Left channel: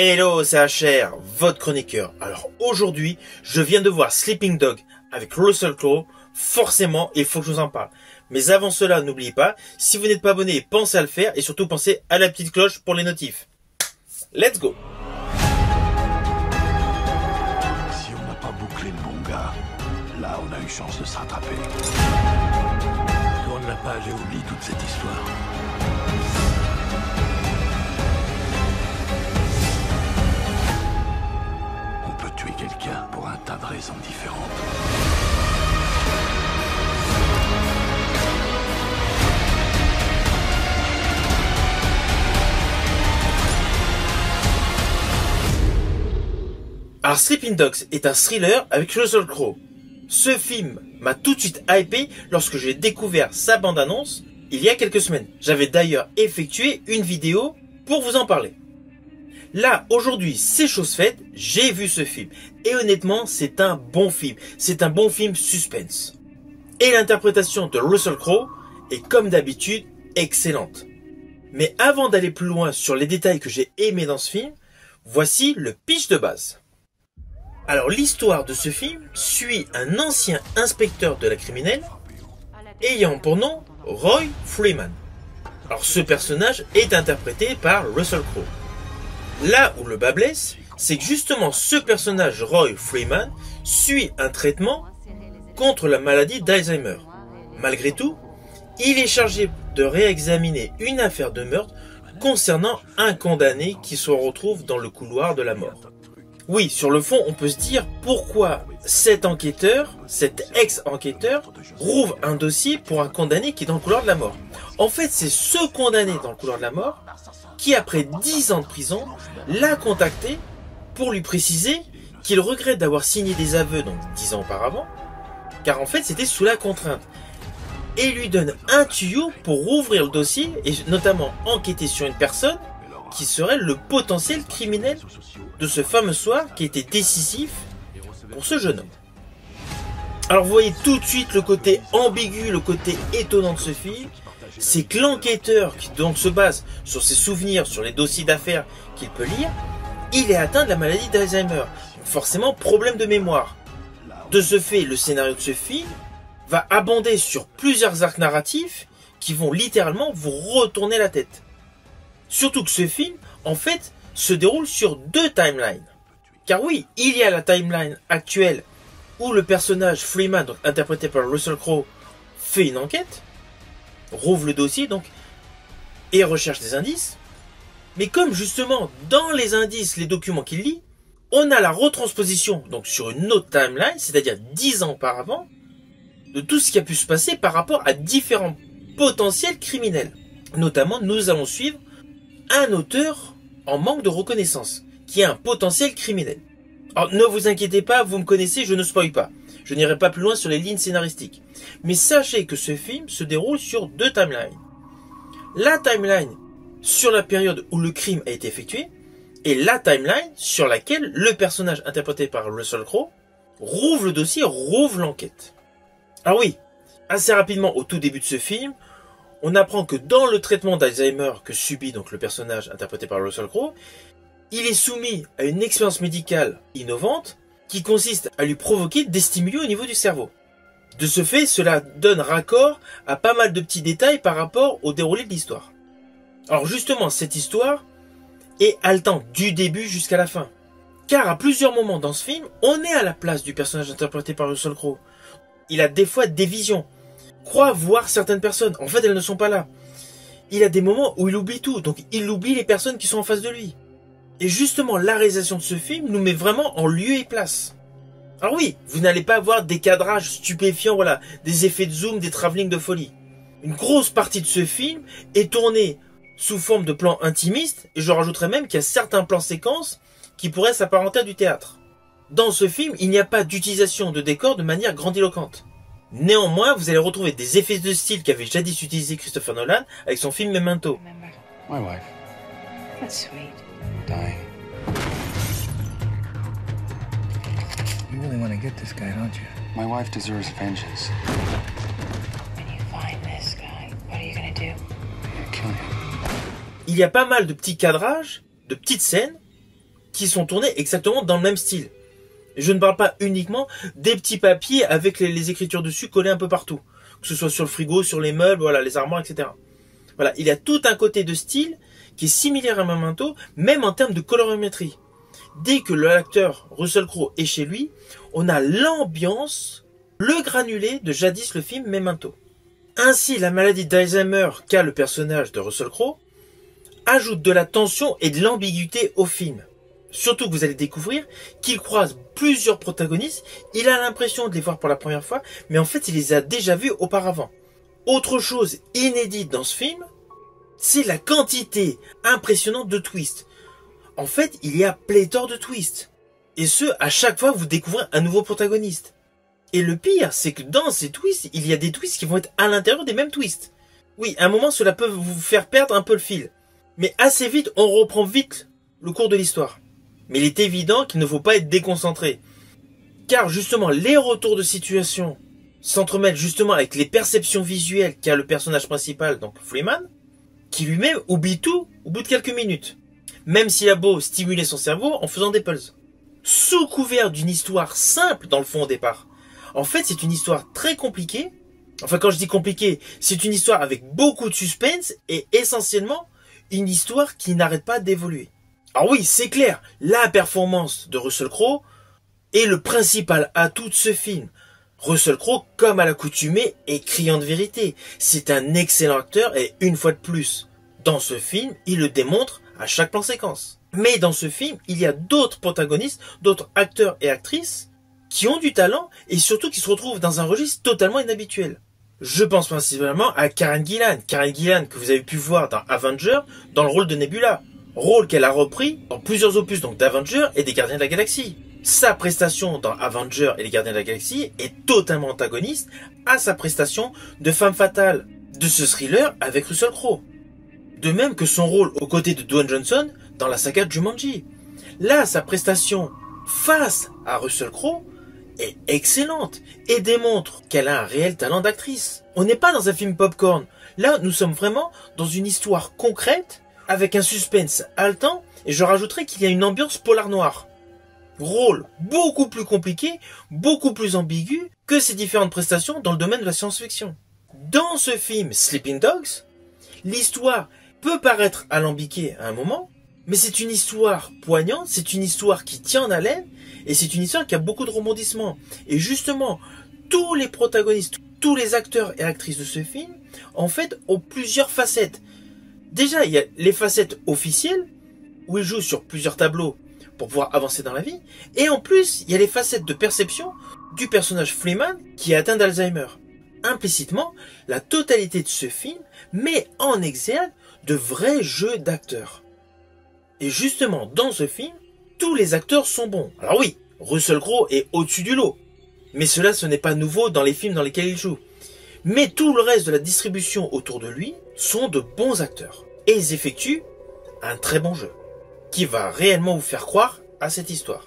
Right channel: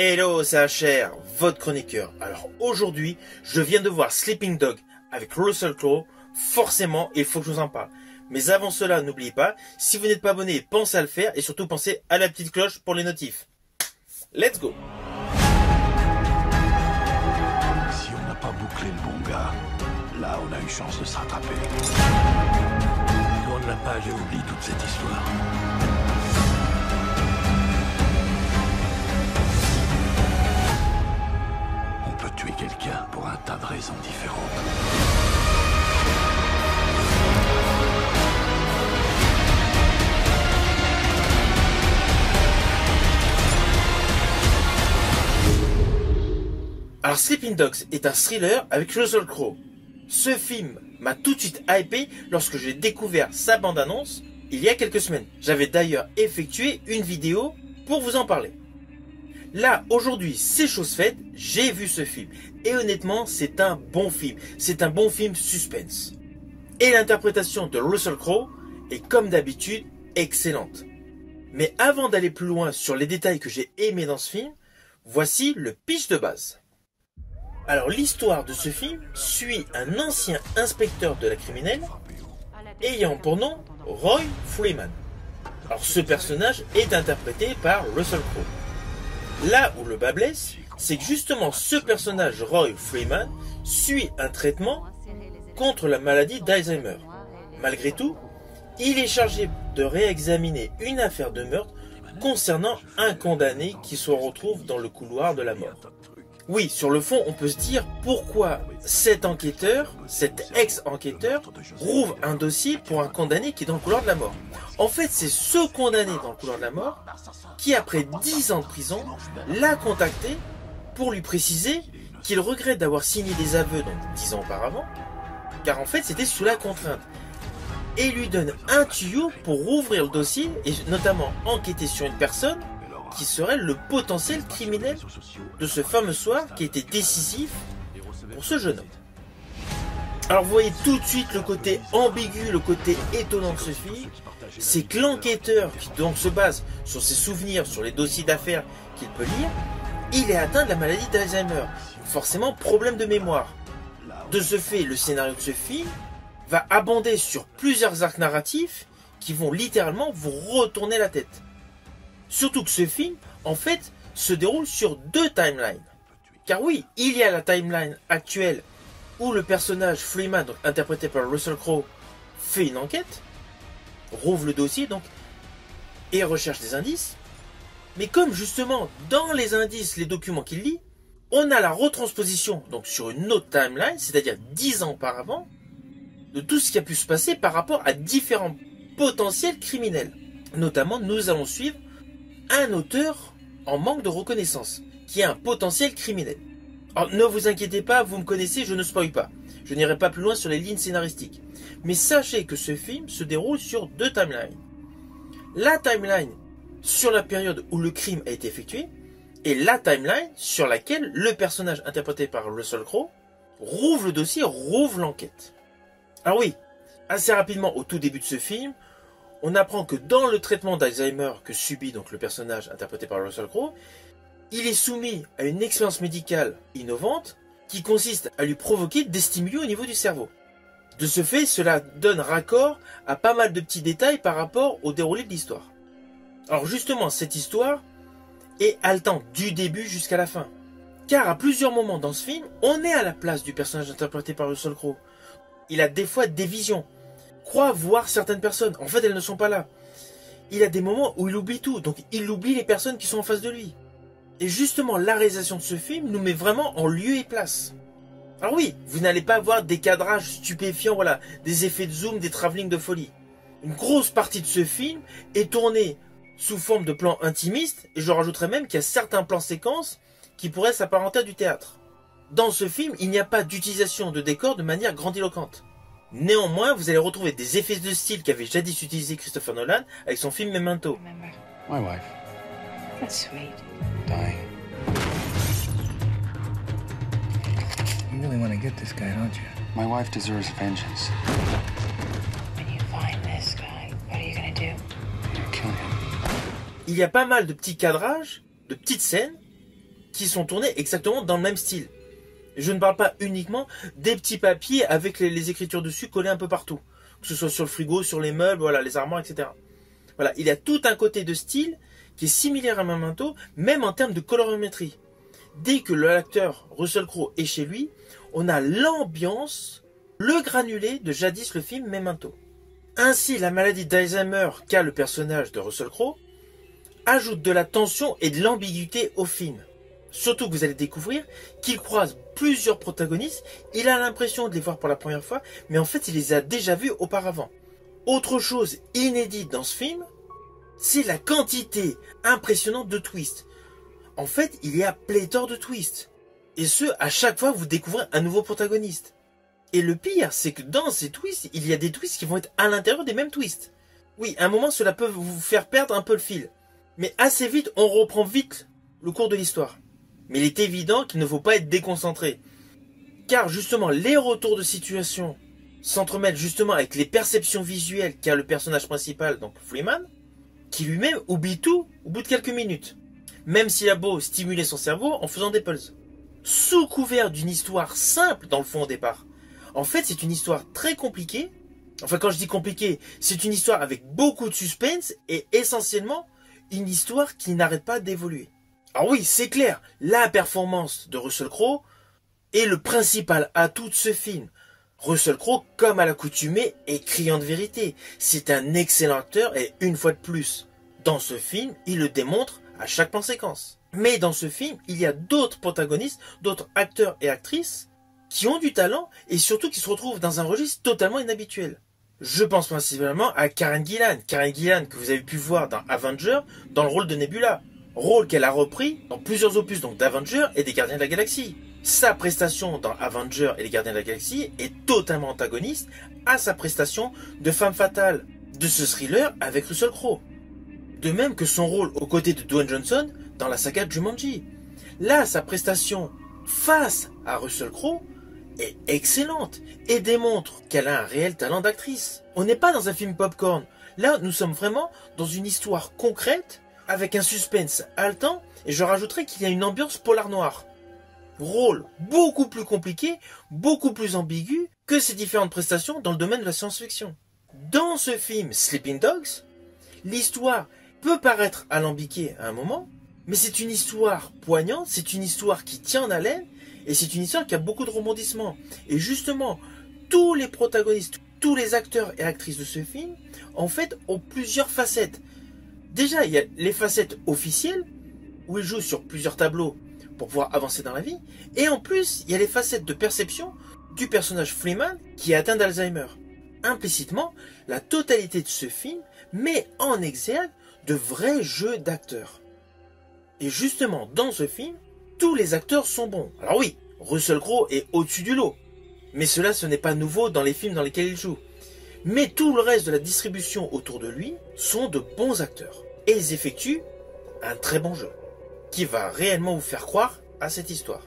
Hello, c'est HR, votre chroniqueur. Alors aujourd'hui, je viens de voir Sleeping Dog avec Russell Crowe. Forcément, il faut que je vous en parle. Mais avant cela, n'oubliez pas, si vous n'êtes pas abonné, pensez à le faire et surtout pensez à la petite cloche pour les notifs. Let's go! Si on n'a pas bouclé le bon gars, là on a eu chance de se rattraper. Tourne la page et oublie toute cette histoire. On peut tuer quelqu'un pour un tas de raisons différentes. Alors Sleeping Dogs est un thriller avec Russell Crowe. Ce film m'a tout de suite hypé lorsque j'ai découvert sa bande-annonce il y a quelques semaines. J'avais d'ailleurs effectué une vidéo pour vous en parler. Là, aujourd'hui, c'est chose faite, j'ai vu ce film. Et honnêtement, c'est un bon film. C'est un bon film suspense. Et l'interprétation de Russell Crowe est comme d'habitude excellente. Mais avant d'aller plus loin sur les détails que j'ai aimés dans ce film, voici le pitch de base. Alors l'histoire de ce film suit un ancien inspecteur de la criminelle ayant pour nom Roy Freeman. Alors ce personnage est interprété par Russell Crowe. Là où le bas blesse, c'est que justement ce personnage Roy Freeman suit un traitement contre la maladie d'Alzheimer. Malgré tout, il est chargé de réexaminer une affaire de meurtre concernant un condamné qui se retrouve dans le couloir de la mort. Oui, sur le fond, on peut se dire pourquoi cet enquêteur, cet ex-enquêteur, rouvre un dossier pour un condamné qui est dans le couloir de la mort. En fait, c'est ce condamné dans le couloir de la mort qui, après 10 ans de prison, l'a contacté pour lui préciser qu'il regrette d'avoir signé des aveux donc 10 ans auparavant, car en fait, c'était sous la contrainte. Et il lui donne un tuyau pour rouvrir le dossier et notamment enquêter sur une personne qui serait le potentiel criminel de ce fameux soir qui était décisif pour ce jeune homme. Alors vous voyez tout de suite le côté ambigu, le côté étonnant de ce film, c'est que l'enquêteur qui donc se base sur ses souvenirs, sur les dossiers d'affaires qu'il peut lire, il est atteint de la maladie d'Alzheimer, forcément problème de mémoire. De ce fait, le scénario de ce film va abonder sur plusieurs arcs narratifs qui vont littéralement vous retourner la tête. Surtout que ce film, en fait, se déroule sur 2 timelines. Car oui, il y a la timeline actuelle où le personnage Freeman, donc interprété par Russell Crowe, fait une enquête, rouvre le dossier donc et recherche des indices. Mais comme justement dans les indices, les documents qu'il lit, on a la retransposition donc sur une autre timeline, c'est-à-dire 10 ans auparavant, de tout ce qui a pu se passer par rapport à différents potentiels criminels. Notamment, nous allons suivre un auteur en manque de reconnaissance, qui est un potentiel criminel. Alors ne vous inquiétez pas, vous me connaissez, je ne spoil pas. Je n'irai pas plus loin sur les lignes scénaristiques. Mais sachez que ce film se déroule sur 2 timelines. La timeline sur la période où le crime a été effectué, et la timeline sur laquelle le personnage interprété par Russell Crowe rouvre le dossier, rouvre l'enquête. Alors oui, assez rapidement au tout début de ce film, on apprend que dans le traitement d'Alzheimer que subit donc le personnage interprété par Russell Crowe, il est soumis à une expérience médicale innovante qui consiste à lui provoquer des stimuli au niveau du cerveau. De ce fait, cela donne raccord à pas mal de petits détails par rapport au déroulé de l'histoire. Alors justement, cette histoire est haletante du début jusqu'à la fin. Car à plusieurs moments dans ce film, on est à la place du personnage interprété par Russell Crowe. Il a des fois des visions. Croit voir certaines personnes. En fait, elles ne sont pas là. Il a des moments où il oublie tout. Donc, il oublie les personnes qui sont en face de lui. Et justement, la réalisation de ce film nous met vraiment en lieu et place. Alors oui, vous n'allez pas avoir des cadrages stupéfiants, voilà, des effets de zoom, des travelling de folie. Une grosse partie de ce film est tournée sous forme de plans intimistes. Et je rajouterais même qu'il y a certains plans séquences qui pourraient s'apparenter à du théâtre. Dans ce film, il n'y a pas d'utilisation de décors de manière grandiloquente. Néanmoins, vous allez retrouver des effets de style qu'avait jadis utilisé Christopher Nolan avec son film Memento. My wife. That's sweet. Dying. You really want to get this guy, don't you? My wife deserves vengeance. When you find this guy, what are you gonna do? I'm gonna kill him. Il y a pas mal de petits cadrages, de petites scènes qui sont tournés exactement dans le même style. Je ne parle pas uniquement des petits papiers avec les écritures dessus collées un peu partout. Que ce soit sur le frigo, sur les meubles, voilà, les armoires, etc. Voilà, il y a tout un côté de style qui est similaire à Memento, même en termes de colorimétrie. Dès que l'acteur Russell Crowe est chez lui, on a l'ambiance, le granulé de jadis le film Memento. Ainsi, la maladie d'Alzheimer qu'a le personnage de Russell Crowe ajoute de la tension et de l'ambiguïté au film. Surtout que vous allez découvrir qu'il croise plusieurs protagonistes, il a l'impression de les voir pour la première fois, mais en fait il les a déjà vus auparavant. Autre chose inédite dans ce film, c'est la quantité impressionnante de twists. En fait, il y a pléthore de twists. Et ce, à chaque fois, vous découvrez un nouveau protagoniste. Et le pire, c'est que dans ces twists, il y a des twists qui vont être à l'intérieur des mêmes twists. Oui, à un moment, cela peut vous faire perdre un peu le fil. Mais assez vite, on reprend vite le cours de l'histoire. Mais il est évident qu'il ne faut pas être déconcentré. Car justement, les retours de situation s'entremêlent justement avec les perceptions visuelles qu'a le personnage principal, donc Freeman, qui lui-même oublie tout au bout de quelques minutes. Même s'il a beau stimuler son cerveau en faisant des puzzles. Sous couvert d'une histoire simple dans le fond au départ. En fait, c'est une histoire très compliquée. Enfin, quand je dis compliquée, c'est une histoire avec beaucoup de suspense et essentiellement une histoire qui n'arrête pas d'évoluer. Alors oui, c'est clair, la performance de Russell Crowe est le principal atout de ce film. Russell Crowe, comme à l'accoutumée, est criant de vérité. C'est un excellent acteur et une fois de plus, dans ce film, il le démontre à chaque plan séquence. Mais dans ce film, il y a d'autres protagonistes, d'autres acteurs et actrices qui ont du talent et surtout qui se retrouvent dans un registre totalement inhabituel. Je pense principalement à Karen Gillan. Karen Gillan que vous avez pu voir dans Avengers dans le rôle de Nebula. Rôle qu'elle a repris dans plusieurs opus donc d'Avengers et des Gardiens de la Galaxie. Sa prestation dans Avengers et les Gardiens de la Galaxie est totalement antagoniste à sa prestation de femme fatale de ce thriller avec Russell Crowe. De même que son rôle aux côtés de Dwayne Johnson dans la saga Jumanji. Là, sa prestation face à Russell Crowe est excellente et démontre qu'elle a un réel talent d'actrice. On n'est pas dans un film popcorn. Là, nous sommes vraiment dans une histoire concrète avec un suspense haletant et je rajouterais qu'il y a une ambiance polar noir. Rôle beaucoup plus compliqué, beaucoup plus ambigu que ses différentes prestations dans le domaine de la science-fiction. Dans ce film Sleeping Dogs, l'histoire peut paraître alambiquée à un moment, mais c'est une histoire poignante, c'est une histoire qui tient en haleine, et c'est une histoire qui a beaucoup de rebondissements. Et justement, tous les protagonistes, tous les acteurs et actrices de ce film, en fait, ont plusieurs facettes. Déjà, il y a les facettes officielles, où ils jouent sur plusieurs tableaux pour pouvoir avancer dans la vie, et en plus, il y a les facettes de perception du personnage Freeman qui est atteint d'Alzheimer. Implicitement, la totalité de ce film met en exergue de vrais jeux d'acteurs. Et justement, dans ce film, tous les acteurs sont bons. Alors oui, Russell Crowe est au-dessus du lot. Mais cela, ce n'est pas nouveau dans les films dans lesquels il joue. Mais tout le reste de la distribution autour de lui sont de bons acteurs. Et ils effectuent un très bon jeu, qui va réellement vous faire croire à cette histoire.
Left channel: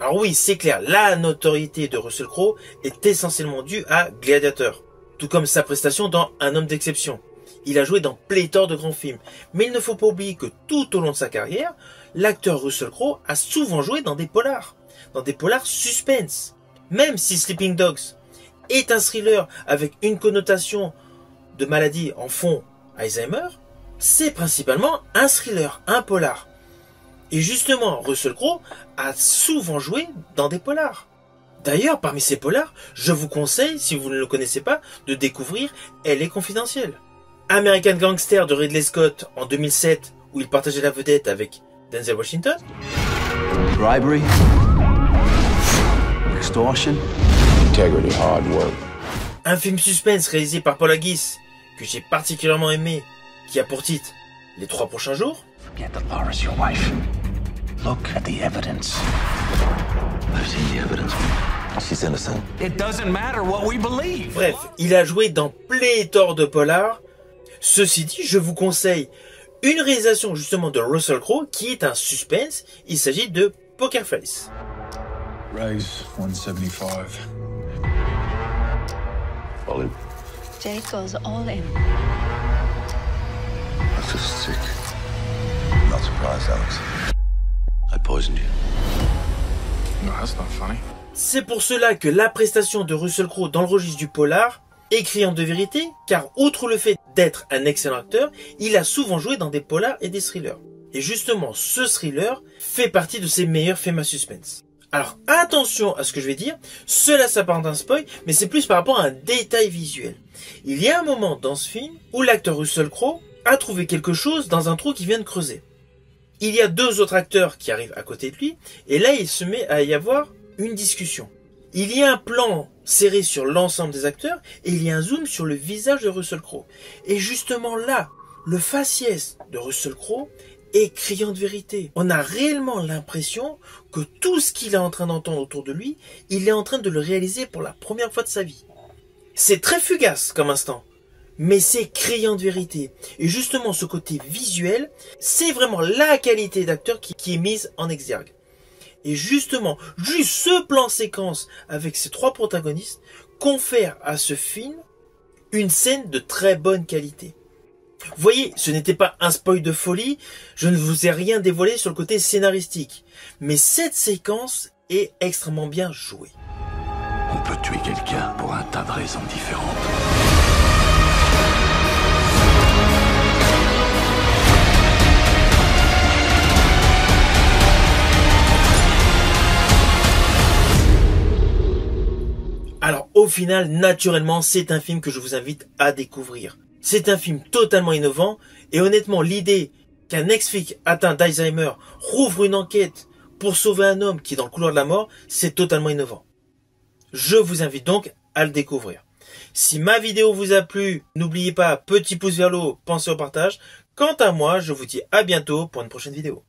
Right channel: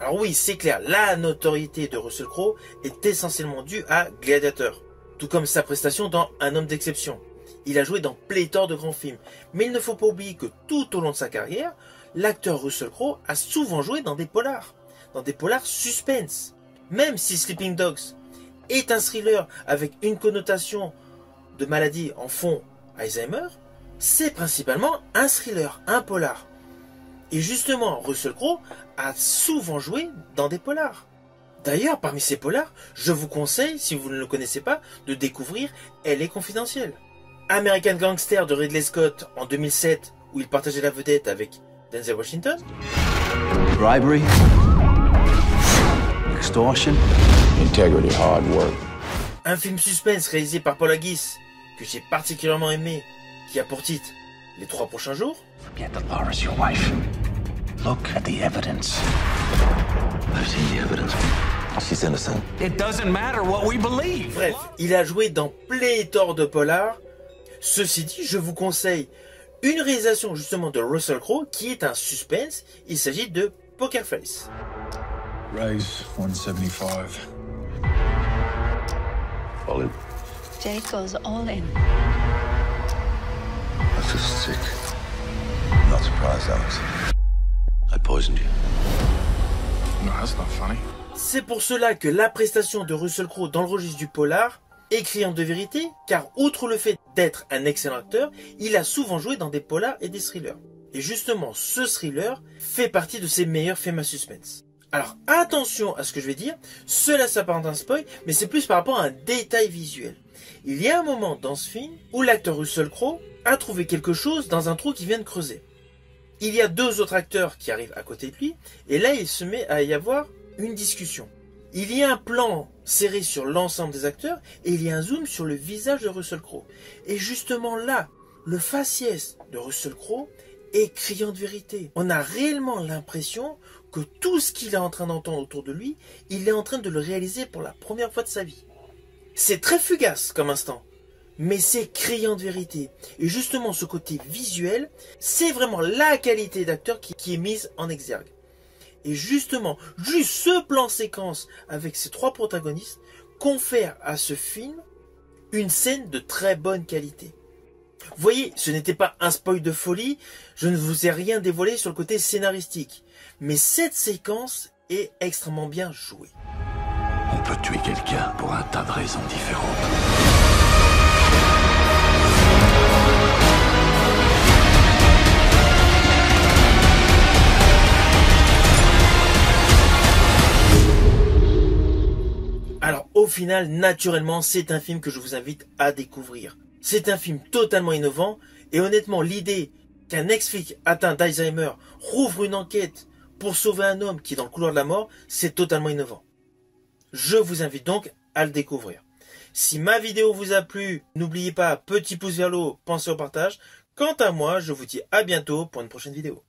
Alors oui, c'est clair, la notoriété de Russell Crowe est essentiellement due à Gladiator. Tout comme sa prestation dans Un homme d'exception. Il a joué dans pléthore de grands films. Mais il ne faut pas oublier que tout au long de sa carrière, l'acteur Russell Crowe a souvent joué dans des polars suspense. Même si Sleeping Dogs est un thriller avec une connotation de maladie en fond Alzheimer, c'est principalement un thriller, un polar. Et justement, Russell Crowe a souvent joué dans des polars. D'ailleurs, parmi ces polars, je vous conseille, si vous ne le connaissez pas, de découvrir Elle est confidentielle. American Gangster de Ridley Scott en 2007, où il partageait la vedette avec Denzel Washington. Bribery, extortion, integrity, hard work. Un film suspense réalisé par Paul Haggis, que j'ai particulièrement aimé, qui a pour titre Les 3 prochains jours. Forget that Laura's your wife. Look at the evidence. I've seen the evidence. She's innocent. It doesn't matter what we believe. Bref, il a joué dans pléthore de polars. Ceci dit, je vous conseille une réalisation justement de Russell Crowe qui est un suspense. Il s'agit de Poker Face. Raise 175. All in. Jake goes all in. I feel sick. I'm not surprised, Alex. I've poisoned you. No, that's not funny. C'est pour cela que la prestation de Russell Crowe dans le registre du polar est criante de vérité, car outre le fait d'être un excellent acteur, il a souvent joué dans des polars et des thrillers. Et justement, ce thriller fait partie de ses meilleurs films à suspense. Alors attention à ce que je vais dire, cela s'apparente à un spoil, mais c'est plus par rapport à un détail visuel. Il y a un moment dans ce film où l'acteur Russell Crowe a trouvé quelque chose dans un trou qu'il vient de creuser. Il y a deux autres acteurs qui arrivent à côté de lui, et là il se met à y avoir une discussion. Il y a un plan serré sur l'ensemble des acteurs, et il y a un zoom sur le visage de Russell Crowe. Et justement là, le faciès de Russell Crowe est criant de vérité. On a réellement l'impression que tout ce qu'il est en train d'entendre autour de lui, il est en train de le réaliser pour la première fois de sa vie. C'est très fugace comme instant, mais c'est criant de vérité. Et justement, ce côté visuel, c'est vraiment la qualité d'acteur qui est mise en exergue. Et justement, juste ce plan séquence avec ces trois protagonistes confère à ce film une scène de très bonne qualité. Vous voyez, ce n'était pas un spoil de folie, je ne vous ai rien dévoilé sur le côté scénaristique. Mais cette séquence est extrêmement bien jouée. On peut tuer quelqu'un pour un tas de raisons différentes. Alors au final, naturellement, c'est un film que je vous invite à découvrir. C'est un film totalement innovant et honnêtement, l'idée qu'un ex-flic atteint d'Alzheimer rouvre une enquête pour sauver un homme qui est dans le couloir de la mort, c'est totalement innovant. Je vous invite donc à le découvrir. Si ma vidéo vous a plu, n'oubliez pas, petit pouce vers le haut, pensez au partage. Quant à moi, je vous dis à bientôt pour une prochaine vidéo.